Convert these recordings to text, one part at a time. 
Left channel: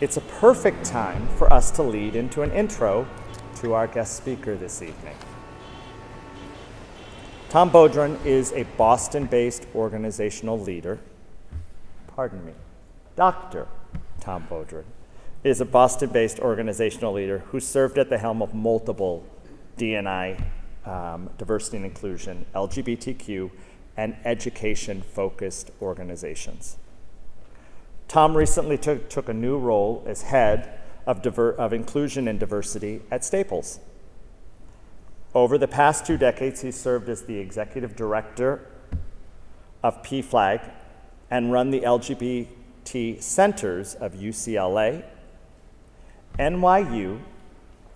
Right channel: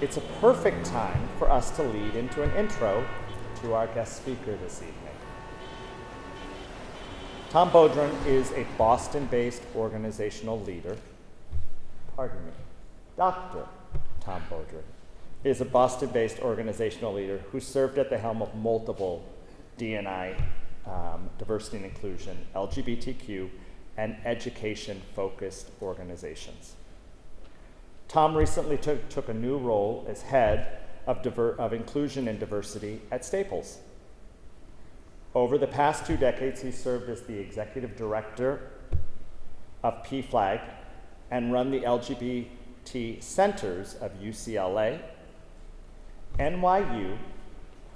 it's a perfect time for us to lead into an intro to our guest speaker this evening. Tom Bourdon is a Boston-based organizational leader. Dr. Tom Bourdon is a Boston-based organizational leader who served at the helm of multiple D&I, diversity and inclusion, LGBTQ, and education-focused organizations. Tom recently took a new role as head of inclusion and diversity at Staples. Over the past 2 decades, he served as the executive director of PFLAG and run the LGBT centers of UCLA, NYU,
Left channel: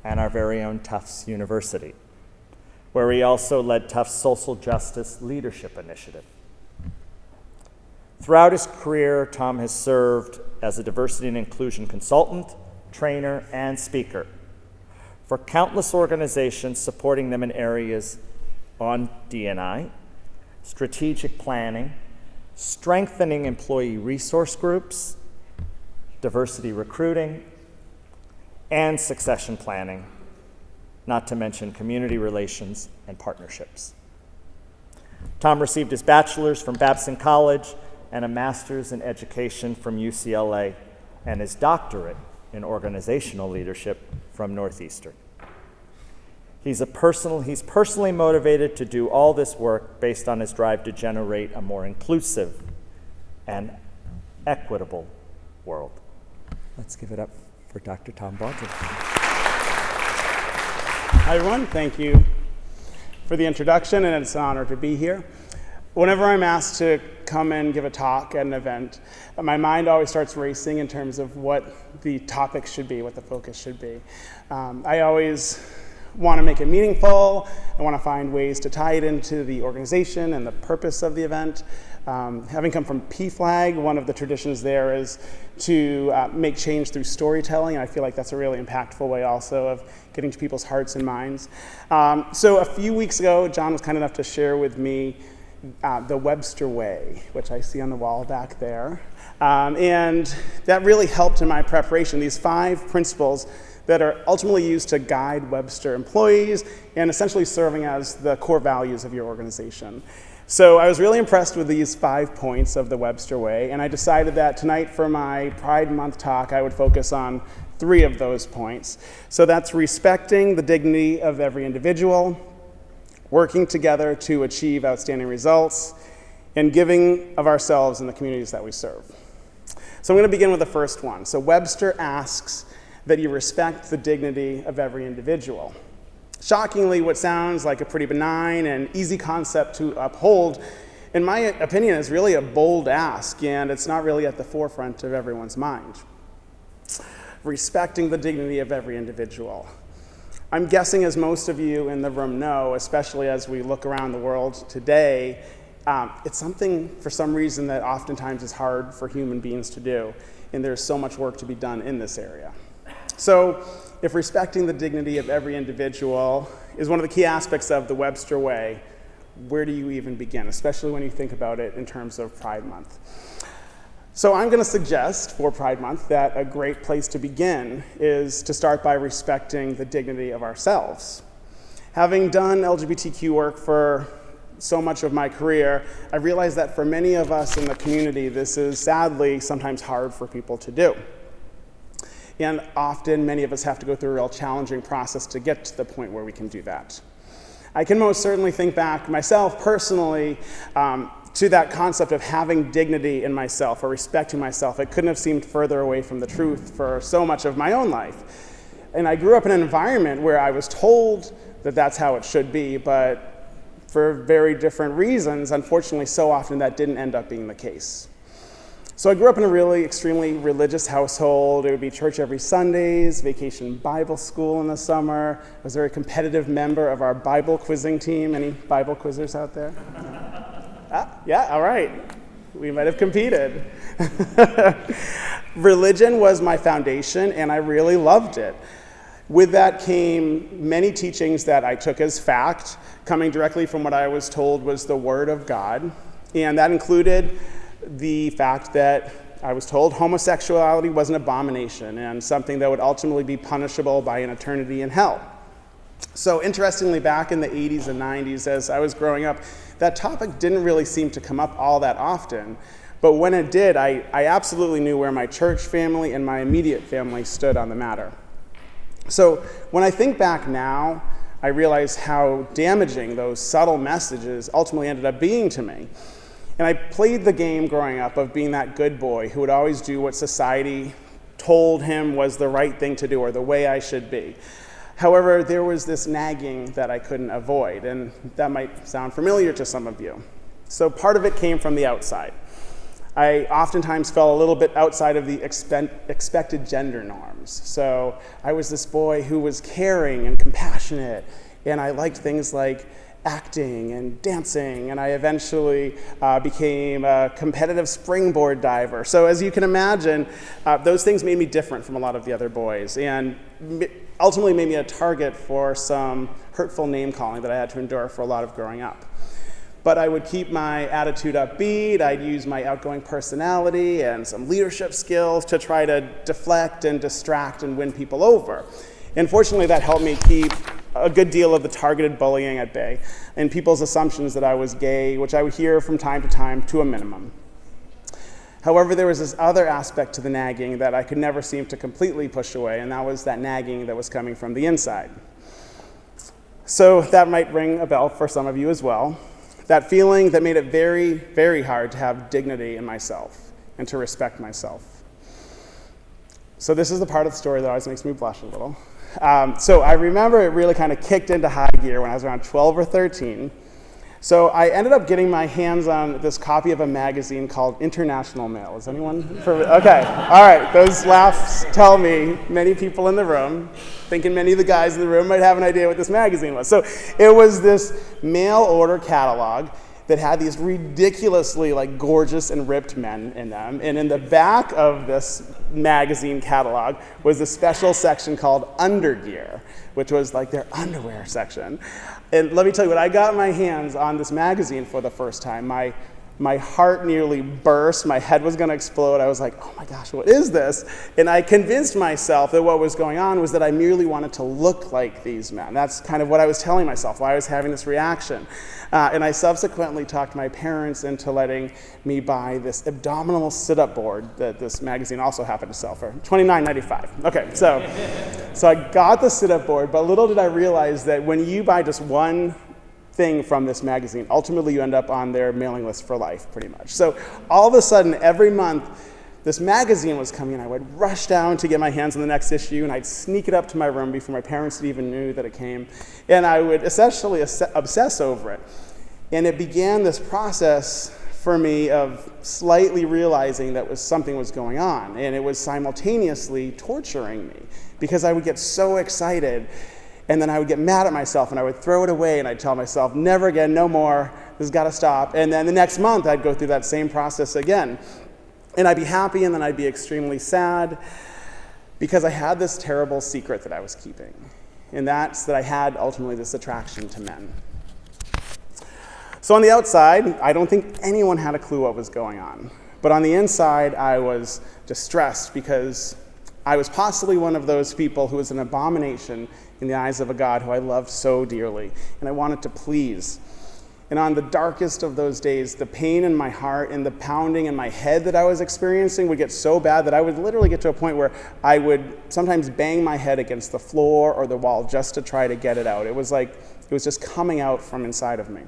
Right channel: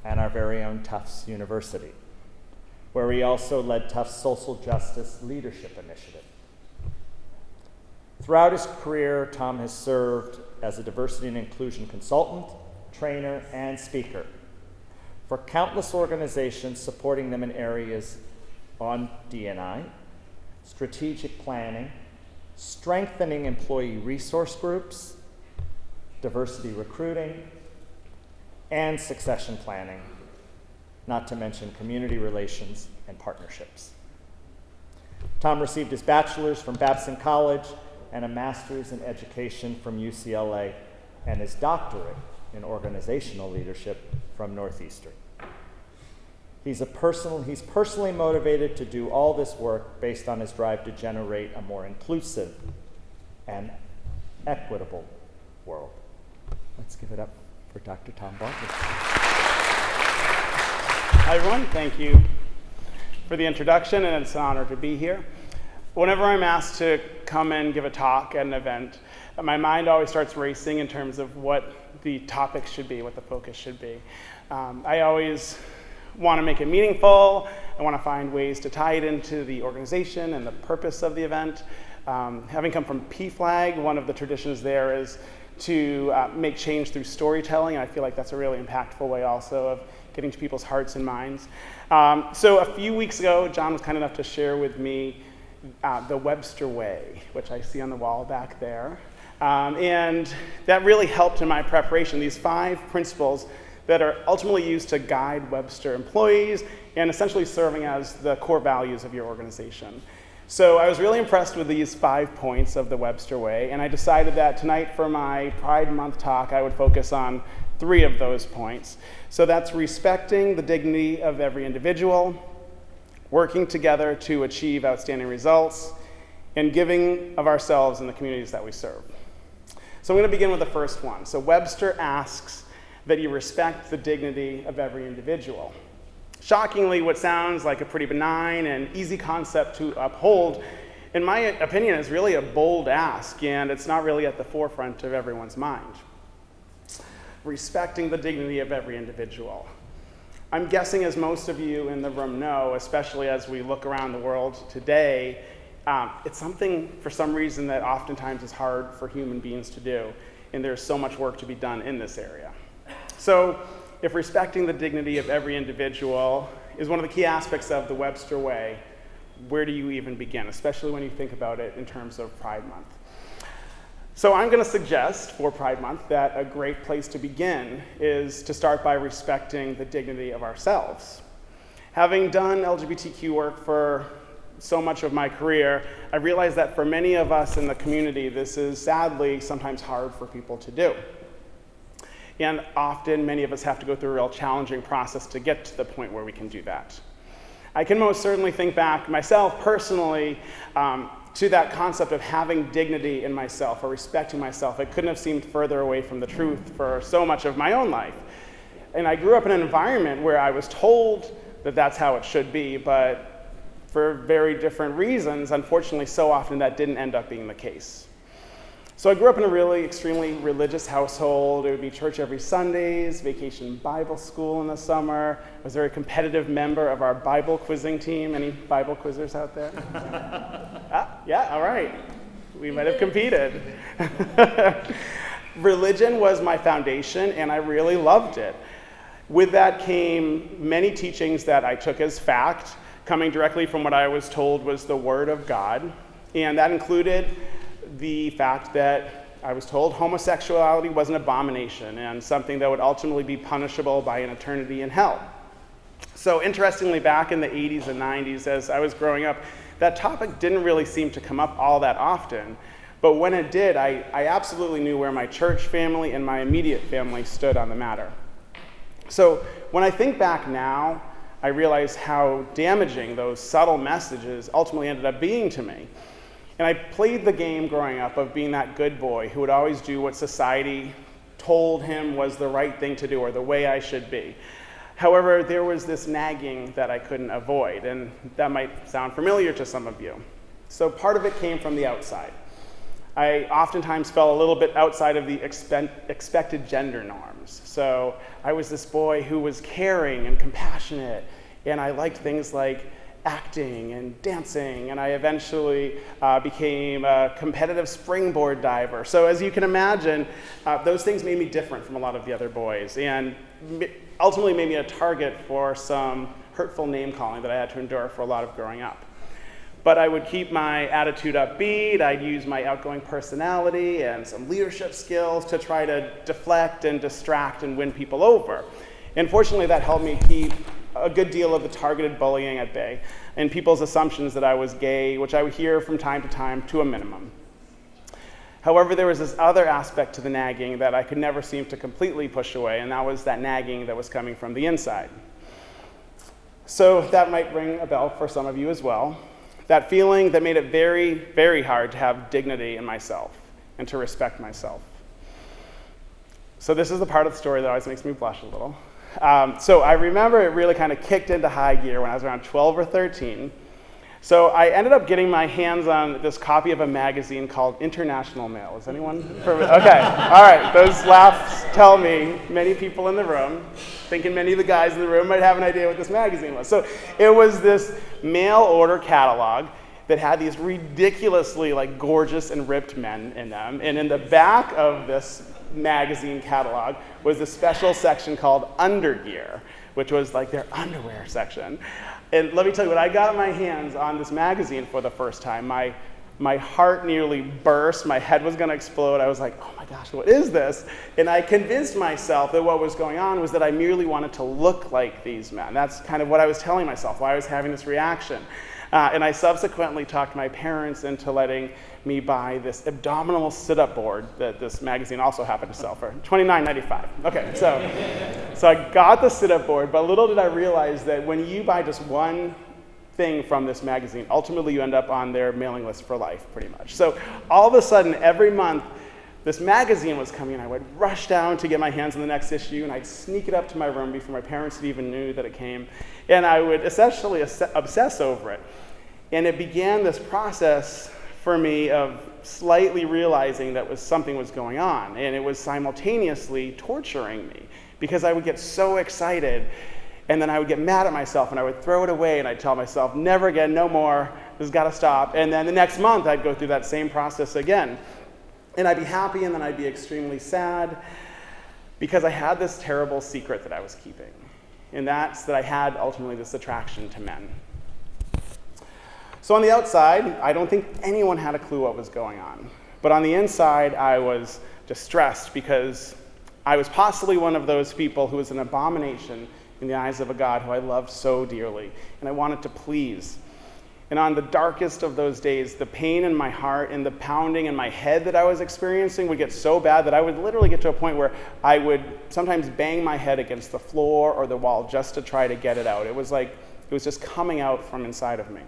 and our very own Tufts University, where he also led Tufts' Social Justice Leadership Initiative. Throughout his career, Tom has served as a diversity and inclusion consultant, trainer, and speaker for countless organizations, supporting them in areas on D&I, strategic planning, strengthening employee resource groups, diversity recruiting, and succession planning, not to mention community relations and partnerships. Tom received his bachelor's from Babson College and a master's in education from UCLA, and his doctorate in organizational leadership from Northeastern. He's personally motivated to do all this work based on his drive to generate a more inclusive and equitable world. Let's give it up for Dr. Tom Bourdon. Hi, everyone. Thank you for the introduction, and it's an honor to be here. Whenever I'm asked to come and give a talk at an event, my mind always starts racing in terms of what the topic should be, what the focus should be. I always want to make it meaningful. I want to find ways to tie it into the organization and the purpose of the event. Having come from PFLAG, one of the traditions there is to make change through storytelling. I feel like that's a really impactful way also of getting to people's hearts and minds. So a few weeks ago, John was kind enough to share with me the Webster way, which I see on the wall back there. And that really helped in my preparation, these 5 principles that are ultimately used to guide Webster employees and essentially serving as the core values of your organization. So I was really impressed with these 5 points of the Webster way, and I decided that tonight for my Pride Month talk, I would focus on 3 of those points. So that's respecting the dignity of every individual, working together to achieve outstanding results, and giving of ourselves in the communities that we serve. So I'm going to begin with the first one. So Webster asks that you respect the dignity of every individual. Shockingly, what sounds like a pretty benign and easy concept to uphold, in my opinion, is really a bold ask, and it's not really at the forefront of everyone's mind. Respecting the dignity of every individual. I'm guessing, as most of you in the room know, especially as we look around the world today, it's something, for some reason, that oftentimes is hard for human beings to do, and there's so much work to be done in this area. So, if respecting the dignity of every individual is one of the key aspects of the Webster way, where do you even begin, especially when you think about it in terms of Pride Month? So I'm going to suggest for Pride Month that a great place to begin is to start by respecting the dignity of ourselves. Having done LGBTQ work for so much of my career, I realized that for many of us in the community, this is sadly sometimes hard for people to do. And often, many of us have to go through a real challenging process to get to the point where we can do that. I can most certainly think back myself personally to that concept of having dignity in myself or respecting myself. It couldn't have seemed further away from the truth for so much of my own life. And I grew up in an environment where I was told that that's how it should be, but for very different reasons, unfortunately, so often that didn't end up being the case. So I grew up in a really extremely religious household. It would be church every Sundays, vacation Bible school in the summer. I was a very competitive member of our Bible quizzing team. Any Bible quizzers out there? Yeah, all right. We might have competed. Religion was my foundation, and I really loved it. With that came many teachings that I took as fact, coming directly from what I was told was the Word of God. And that included the fact that I was told homosexuality was an abomination and something that would ultimately be punishable by an eternity in hell. So interestingly, back in the 80s and 90s, as I was growing up, that topic didn't really seem to come up all that often. But when it did, I absolutely knew where my church family and my immediate family stood on the matter. So when I think back now, I realize how damaging those subtle messages ultimately ended up being to me. And I played the game growing up of being that good boy who would always do what society told him was the right thing to do or the way I should be. However, there was this nagging that I couldn't avoid, and that might sound familiar to some of you. So part of it came from the outside. I oftentimes fell a little bit outside of the expected gender norms. So I was this boy who was caring and compassionate, and I liked things like acting and dancing, and I eventually became a competitive springboard diver. So as you can imagine, those things made me different from a lot of the other boys, and ultimately made me a target for some hurtful name calling that I had to endure for a lot of growing up. But I would keep my attitude upbeat. I'd use my outgoing personality and some leadership skills to try to deflect and distract and win people over. And fortunately, that helped me keep a good deal of the targeted bullying at bay and people's assumptions that I was gay, which I would hear from time, to a minimum. However, there was this other aspect to the nagging that I could never seem to completely push away, and that was that nagging that was coming from the inside. So that might ring a bell for some of you as well. That feeling that made it very, very hard to have dignity in myself and to respect myself. So this is the part of the story that always makes me blush a little. So I remember it really kind of kicked into high gear when I was around 12 or 13. So I ended up getting my hands on this copy of a magazine called International Mail. Is anyone? Okay, all right. Those laughs tell me many people in the room, thinking many of the guys in the room might have an idea what this magazine was. So it was this mail order catalog that had these ridiculously gorgeous and ripped men in them. And in the back of this magazine catalog was a special section called Undergear, which was their underwear section. And let me tell you, when I got my hands on this magazine for the first time, my heart nearly burst. My head was going to explode. I was like, oh my gosh, what is this? And I convinced myself that what was going on was that I merely wanted to look like these men. That's kind of what I was telling myself, why I was having this reaction. And I subsequently talked my parents into letting me buy this abdominal sit-up board that this magazine also happened to sell for $29.95. Okay, so I got the sit-up board, but little did I realize that when you buy just one thing from this magazine, ultimately you end up on their mailing list for life, pretty much. So all of a sudden, every month, this magazine was coming, and I would rush down to get my hands on the next issue, and I'd sneak it up to my room before my parents even knew that it came, and I would essentially obsess over it. And it began this process for me of slightly realizing that something was going on, and it was simultaneously torturing me because I would get so excited, and then I would get mad at myself, and I would throw it away, and I'd tell myself, never again, no more, this has got to stop. And then the next month, I'd go through that same process again. And I'd be happy, and then I'd be extremely sad because I had this terrible secret that I was keeping, and that's that I had ultimately this attraction to men. So on the outside, I don't think anyone had a clue what was going on. But on the inside, I was distressed because I was possibly one of those people who was an abomination in the eyes of a God who I loved so dearly, and I wanted to please. And on the darkest of those days, the pain in my heart and the pounding in my head that I was experiencing would get so bad that I would literally get to a point where I would sometimes bang my head against the floor or the wall just to try to get it out. It was just coming out from inside of me.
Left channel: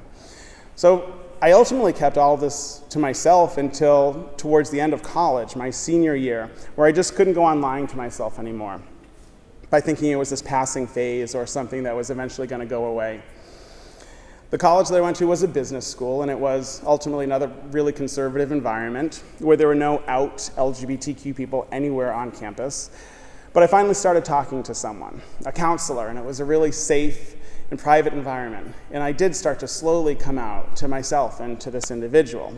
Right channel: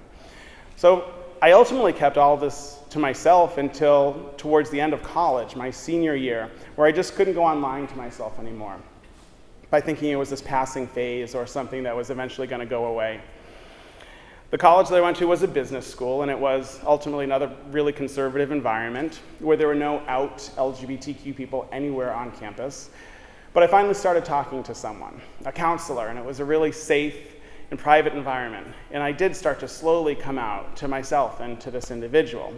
So I ultimately kept all of this to myself until towards the end of college, my senior year, where I just couldn't go on lying to myself anymore by thinking it was this passing phase or something that was eventually going to go away. The college that I went to was a business school, and it was ultimately another really conservative environment where there were no out LGBTQ people anywhere on campus. But I finally started talking to someone, a counselor, and it was a really safe and private environment. And I did start to slowly come out to myself and to this individual.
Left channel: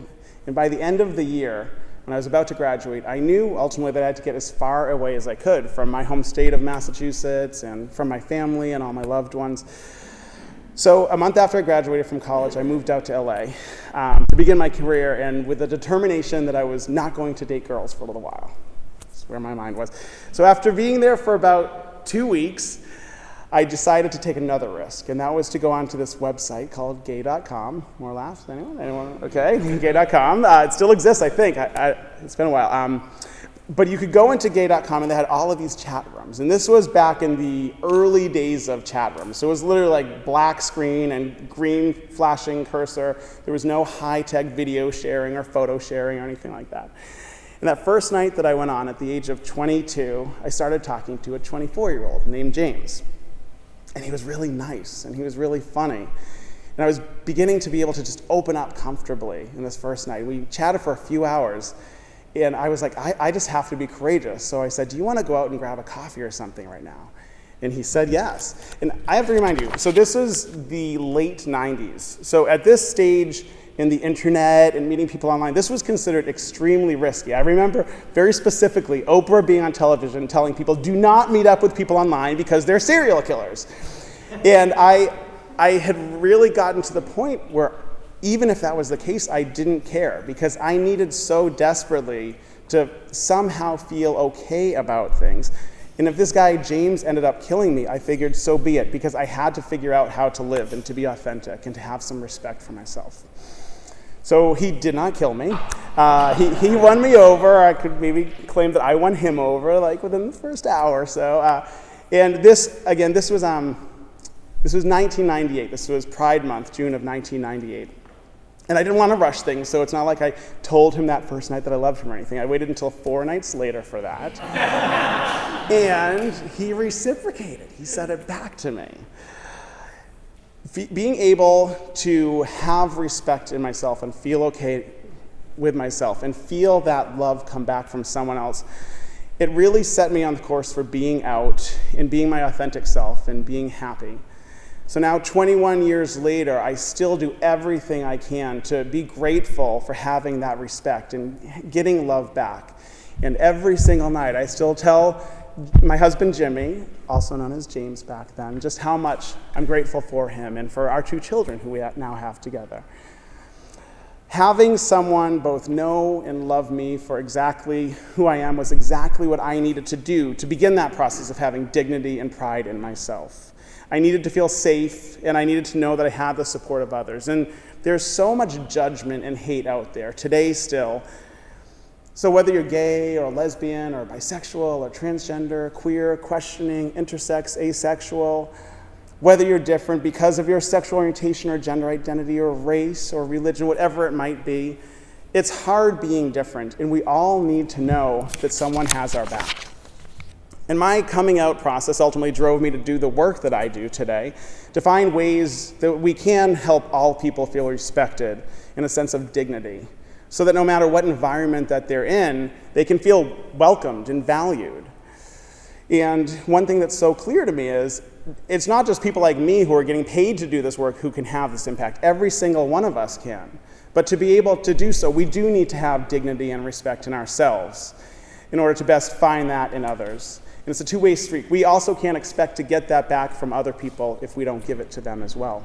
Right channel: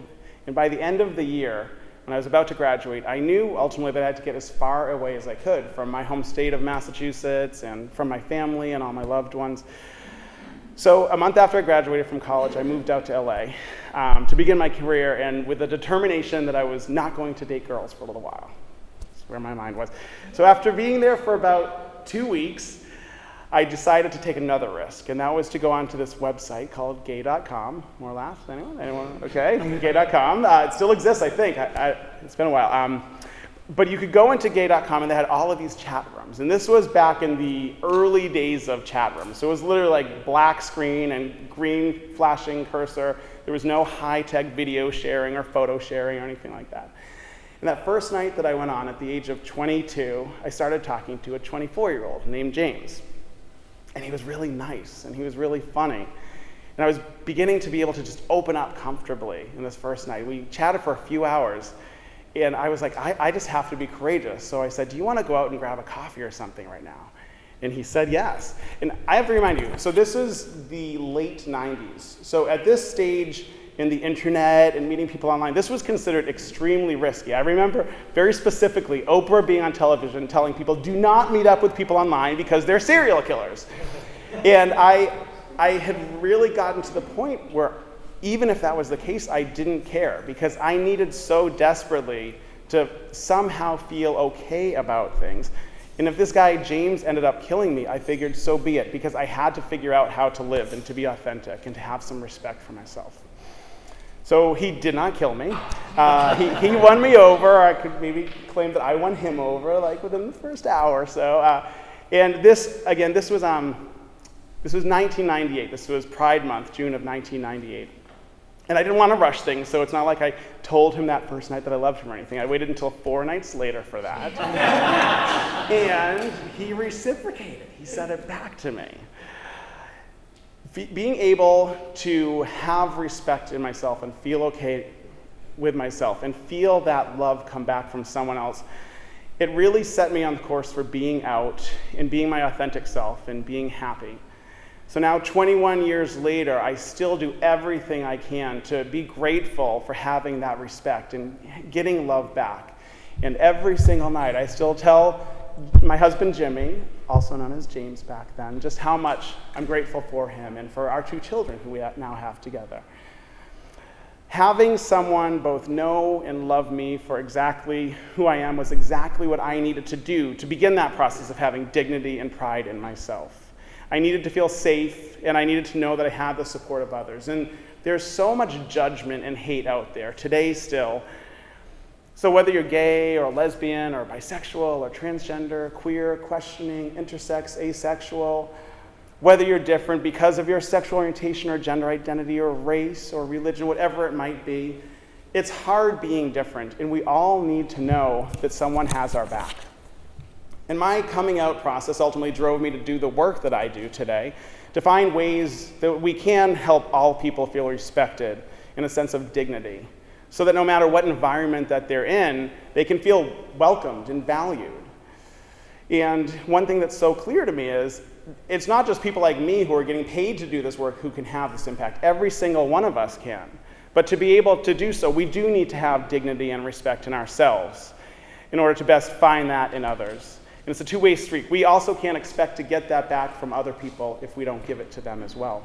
And by the end of the year, when I was about to graduate, I knew ultimately that I had to get as far away as I could from my home state of Massachusetts and from my family and all my loved ones. So a month after I graduated from college, I moved out to LA to begin my career, and with the determination that I was not going to date girls for a little while. That's where my mind was. So after being there for about 2 weeks, I decided to take another risk, and that was to go onto this website called gay.com. More laughs? Anyone? Okay, gay.com. It still exists, I think. It's been a while. But you could go into gay.com, and they had all of these chat rooms. And this was back in the early days of chat rooms. So it was literally like black screen and green flashing cursor. There was no high-tech video sharing or photo sharing or anything like that. And that first night that I went on at the age of 22, I started talking to a 24-year-old named James. And he was really nice, and he was really funny. And I was beginning to be able to just open up comfortably in this first night. We chatted for a few hours. And I was like, I just have to be courageous. So I said, do you want to go out and grab a coffee or something right now? And he said yes. And I have to remind you, so this is the late 90s. So at this stage in the internet and meeting people online, this was considered extremely risky. I remember very specifically Oprah being on television telling people, do not meet up with people online because they're serial killers. And I had really gotten to the point where even if that was the case, I didn't care because I needed so desperately to somehow feel okay about things. And if this guy, James, ended up killing me, I figured so be it, because I had to figure out how to live and to be authentic and to have some respect for myself. So he did not kill me. He won me over. I could maybe claim that I won him over like within the first hour or so. And this was 1998. This was Pride Month, June of 1998. And I didn't want to rush things, so it's not like I told him that first night that I loved him or anything. I waited until 4 nights later for that. And he reciprocated. He said it back to me. Being able to have respect in myself and feel okay with myself and feel that love come back from someone else, it really set me on the course for being out and being my authentic self and being happy. So now, 21 years later, I still do everything I can to be grateful for having that respect and getting love back. And every single night, I still tell my husband, Jimmy, also known as James back then, just how much I'm grateful for him and for our 2 children who we now have together. Having someone both know and love me for exactly who I am was exactly what I needed to do to begin that process of having dignity and pride in myself. I needed to feel safe, and I needed to know that I had the support of others. And there's so much judgment and hate out there today still. So whether you're gay or lesbian or bisexual or transgender, queer, questioning, intersex, asexual, whether you're different because of your sexual orientation or gender identity or race or religion, whatever it might be, it's hard being different, and we all need to know that someone has our back. And my coming out process ultimately drove me to do the work that I do today, to find ways that we can help all people feel respected in a sense of dignity, so that no matter what environment that they're in, they can feel welcomed and valued. And one thing that's so clear to me is, it's not just people like me who are getting paid to do this work who can have this impact. Every single one of us can. But to be able to do so, we do need to have dignity and respect in ourselves in order to best find that in others. And it's a two-way street. We also can't expect to get that back from other people if we don't give it to them as well.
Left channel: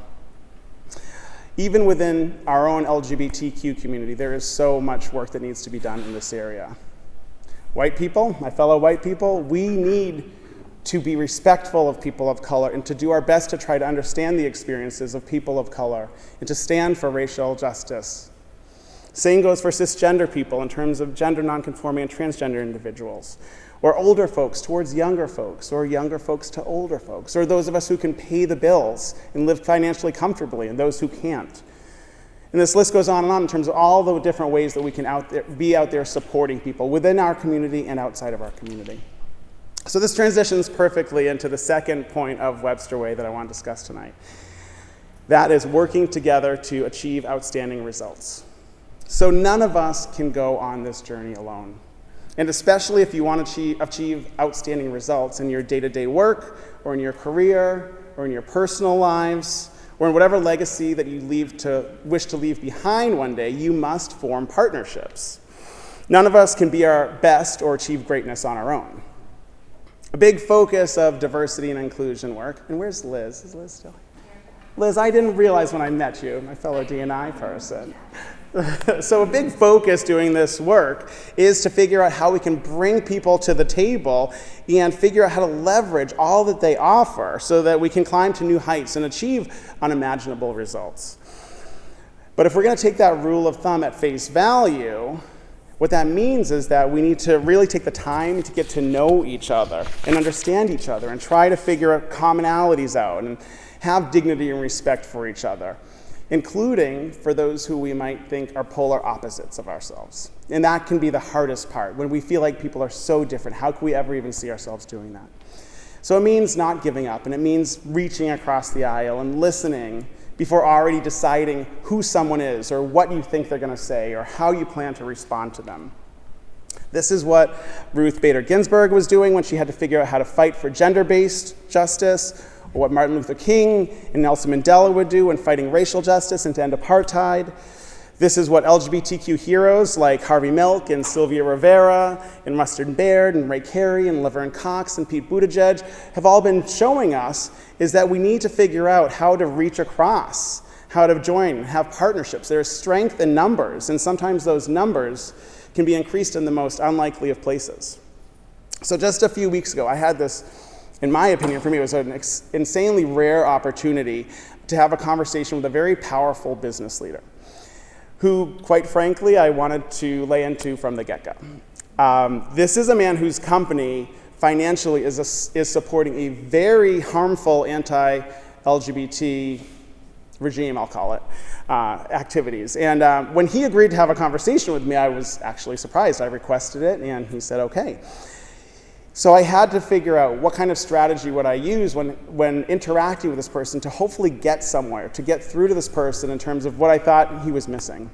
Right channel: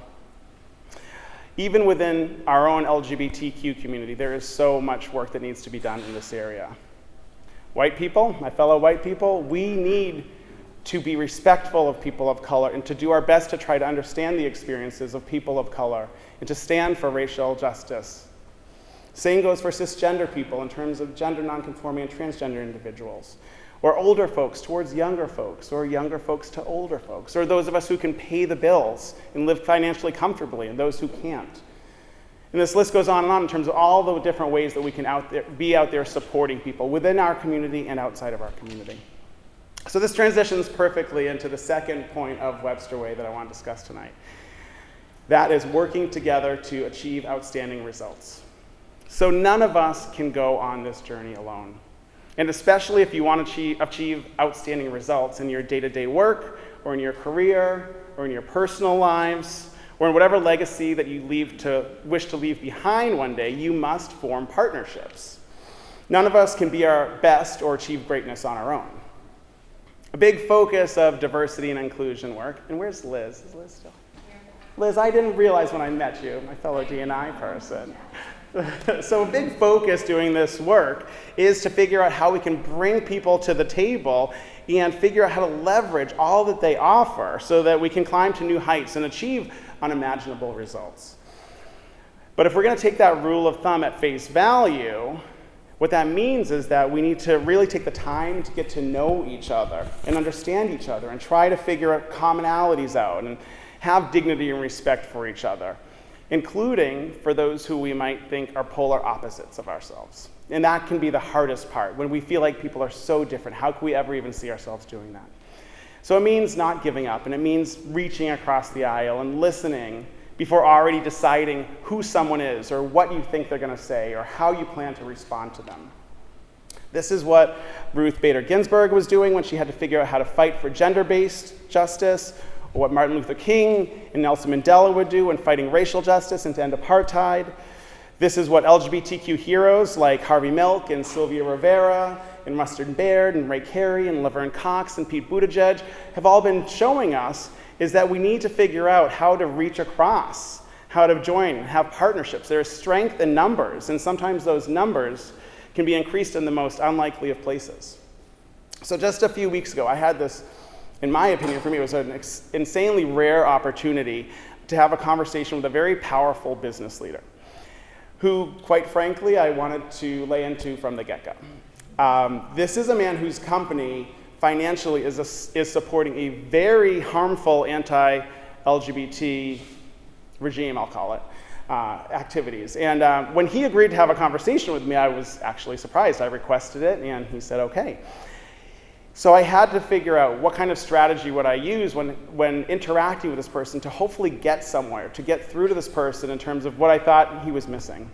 Even within our own LGBTQ community, there is so much work that needs to be done in this area. White people, my fellow white people, we need to be respectful of people of color and to do our best to try to understand the experiences of people of color and to stand for racial justice. Same goes for cisgender people in terms of gender nonconforming and transgender individuals, or older folks towards younger folks, or younger folks to older folks, or those of us who can pay the bills and live financially comfortably, and those who can't. And this list goes on and on in terms of all the different ways that we can be out there supporting people within our community and outside of our community. So this transitions perfectly into the second point of Webster Way that I want to discuss tonight. That is working together to achieve outstanding results. So none of us can go on this journey alone. And especially if you want to achieve outstanding results in your day-to-day work, or in your career, or in your personal lives, or in whatever legacy that you wish to leave behind one day, you must form partnerships. None of us can be our best or achieve greatness on our own. A big focus of diversity and inclusion work, and where's Liz? Is Liz still here? Liz, I didn't realize when I met you, my fellow D&I person. So a big focus doing this work is to figure out how we can bring people to the table and figure out how to leverage all that they offer so that we can climb to new heights and achieve unimaginable results. But if we're going to take that rule of thumb at face value, what that means is that we need to really take the time to get to know each other and understand each other and try to figure out commonalities out and have dignity and respect for each other, including for those who we might think are polar opposites of ourselves. And that can be the hardest part, when we feel like people are so different. How can we ever even see ourselves doing that? So it means not giving up, and it means reaching across the aisle and listening before already deciding who someone is or what you think they're going to say or how you plan to respond to them. This is what Ruth Bader Ginsburg was doing when she had to figure out how to fight for gender-based justice, or what Martin Luther King and Nelson Mandela would do when fighting racial justice and to end apartheid. This is what LGBTQ heroes like Harvey Milk and Sylvia Rivera and Mustard Baird and Ray Carey and Laverne Cox and Pete Buttigieg have all been showing us, is that we need to figure out how to reach across, how to join, have partnerships. There is strength in numbers, and sometimes those numbers can be increased in the most unlikely of places. So just a few weeks ago, I had this, in my opinion, for me, it was an insanely rare opportunity to have a conversation with a very powerful business leader who, quite frankly, I wanted to lay into from the get-go. This is a man whose company financially is supporting a very harmful anti-LGBT regime, I'll call it, activities. And when he agreed to have a conversation with me, I was actually surprised. I requested it, and he said, okay. So I had to figure out what kind of strategy would I use when interacting with this person to hopefully get somewhere, to get through to this person in terms of what I thought he was missing.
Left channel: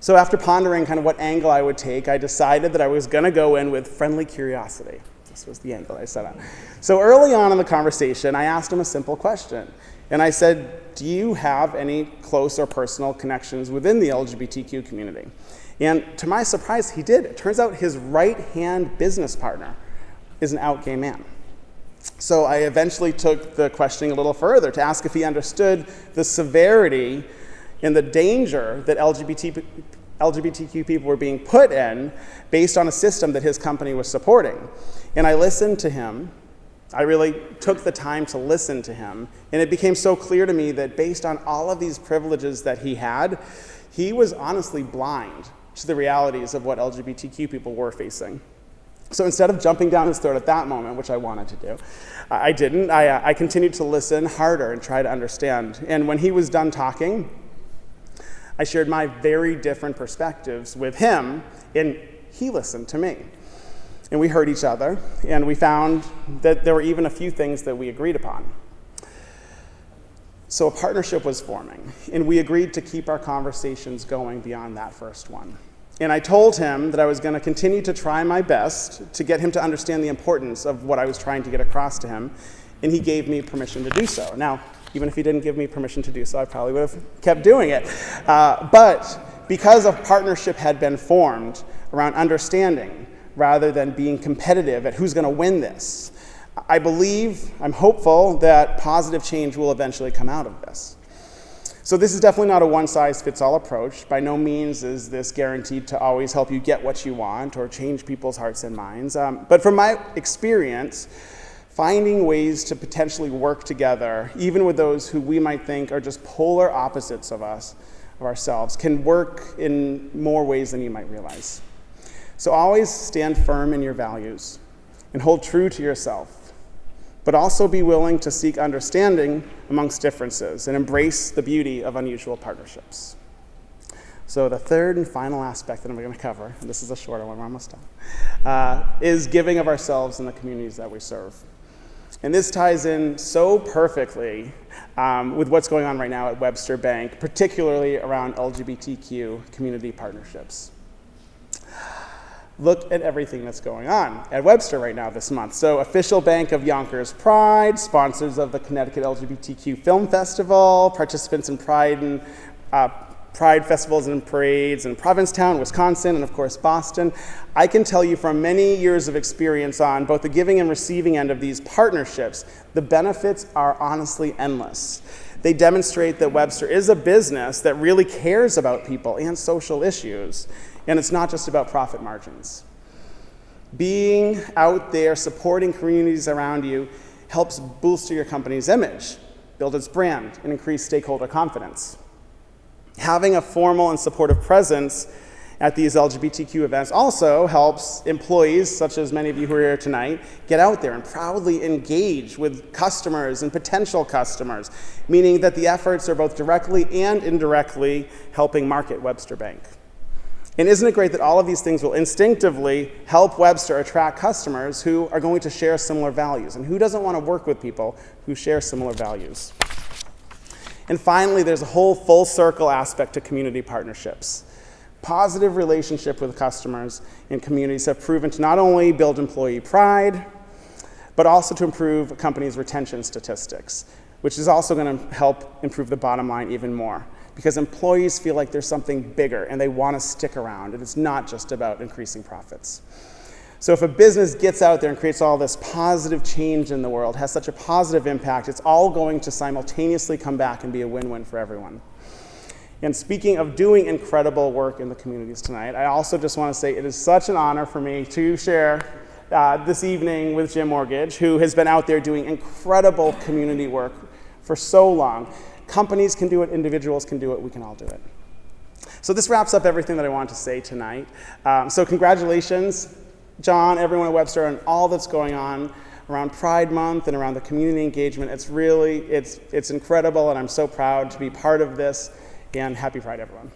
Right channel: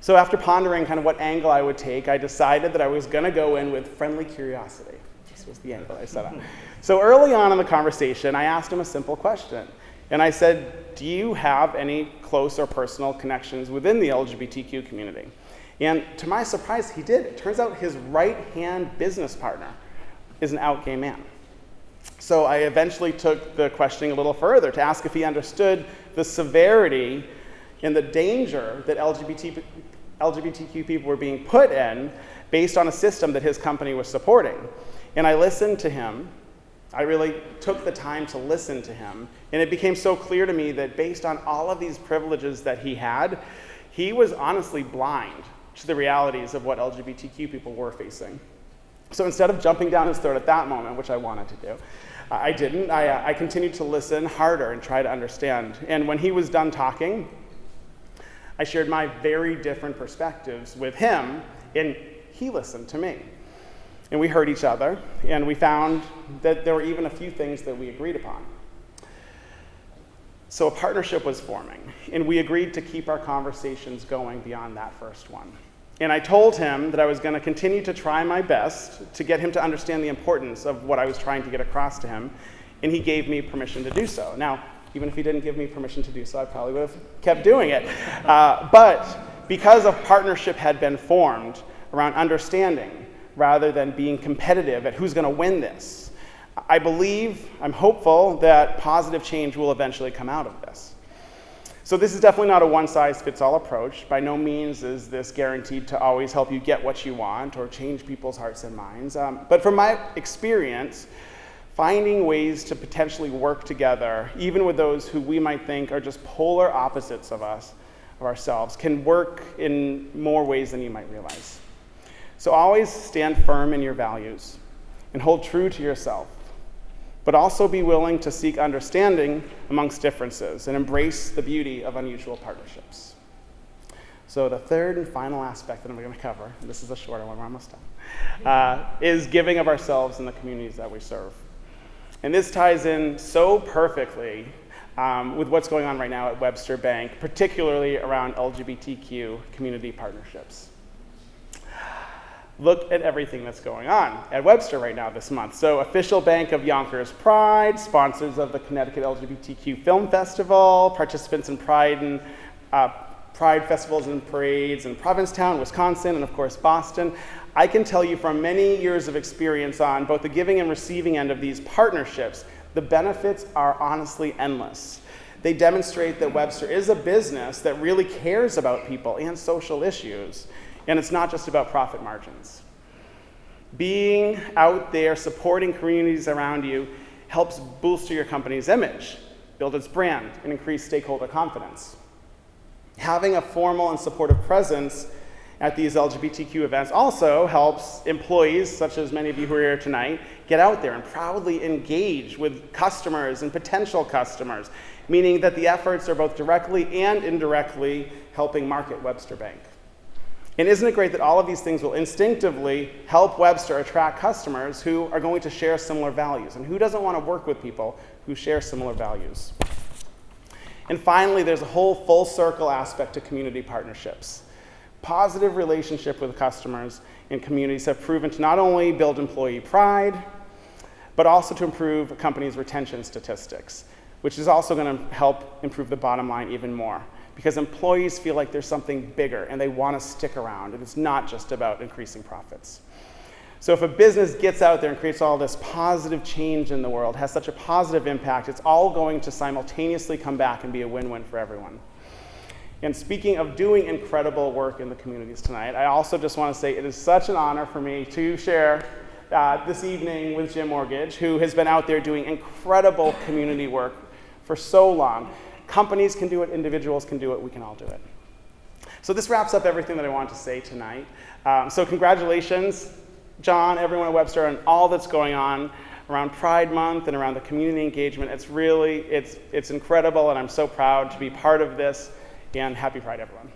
So after pondering kind of what angle I would take, I decided that I was going to go in with friendly curiosity. This was the angle I set on. So early on in the conversation, I asked him a simple question. And I said, do you have any close or personal connections within the LGBTQ community? And to my surprise, he did. It turns out his right-hand business partner is an out gay man. So I eventually took the questioning a little further to ask if he understood the severity and the danger that LGBTQ people were being put in based on a system that his company was supporting. And I listened to him. I really took the time to listen to him. And it became so clear to me that based on all of these privileges that he had, he was honestly blind to the realities of what LGBTQ people were facing. So instead of jumping down his throat at that moment, which I wanted to do, I didn't. I continued to listen harder and try to understand. And when he was done talking, I shared my very different perspectives with him, and he listened to me. And we heard each other, and we found that there were even a few things that we agreed upon. So a partnership was forming, and we agreed to keep our conversations going beyond that first one. And I told him that I was going to continue to try my best to get him to understand the importance of what I was trying to get across to him, and he gave me permission to do so. Now, even if he didn't give me permission to do so, I probably would have kept doing it. But because a partnership had been formed around understanding rather than being competitive at who's going to win this, I'm hopeful that positive change will eventually come out of this. So this is definitely not a one-size-fits-all approach. By no means is this guaranteed to always help you get what you want or change people's hearts and minds. But from my experience, finding ways to potentially work together, even with those who we might think are just polar opposites of ourselves, can work in more ways than you might realize. So always stand firm in your values and hold true to yourself, but also be willing to seek understanding amongst differences and embrace the beauty of unusual partnerships. So the third and final aspect that I'm going to cover, and this is a shorter one, we're almost done, is giving of ourselves in the communities that we serve. And this ties in so perfectly with what's going on right now at Webster Bank, particularly around LGBTQ community partnerships. Look at everything that's going on at Webster right now this month. So Official Bank of Yonkers Pride, sponsors of the Connecticut LGBTQ Film Festival, participants in Pride festivals and parades in Provincetown, Wisconsin, and of course Boston. I can tell you from many years of experience on both the giving and receiving end of these partnerships, the benefits are honestly endless. They demonstrate that Webster is a business that really cares about people and social issues, and it's not just about profit margins. Being out there supporting communities around you helps bolster your company's image, build its brand, and increase stakeholder confidence. Having a formal and supportive presence at these LGBTQ events also helps employees, such as many of you who are here tonight, get out there and proudly engage with customers and potential customers, meaning that the efforts are both directly and indirectly helping market Webster Bank. And isn't it great that all of these things will instinctively help Webster attract customers who are going to share similar values? And who doesn't want to work with people who share similar values? And finally, there's a whole full circle aspect to community partnerships. Positive relationship with customers and communities have proven to not only build employee pride, but also to improve a company's retention statistics, which is also going to help improve the bottom line even more, because employees feel like there's something bigger and they want to stick around, and it's not just about increasing profits. So if a business gets out there and creates all this positive change in the world, has such a positive impact, it's all going to simultaneously come back and be a win-win for everyone. And speaking of doing incredible work in the communities tonight, I also just want to say it is such an honor for me to share this evening with Jim Mortgage, who has been out there doing incredible community work for so long. Companies can do it, individuals can do it, we can all do it. So this wraps up everything that I want to say tonight. So congratulations, John, everyone at Webster, on all that's going on around Pride Month and around the community engagement. It's really, it's incredible, and I'm so proud to be part of this, and happy Pride, everyone.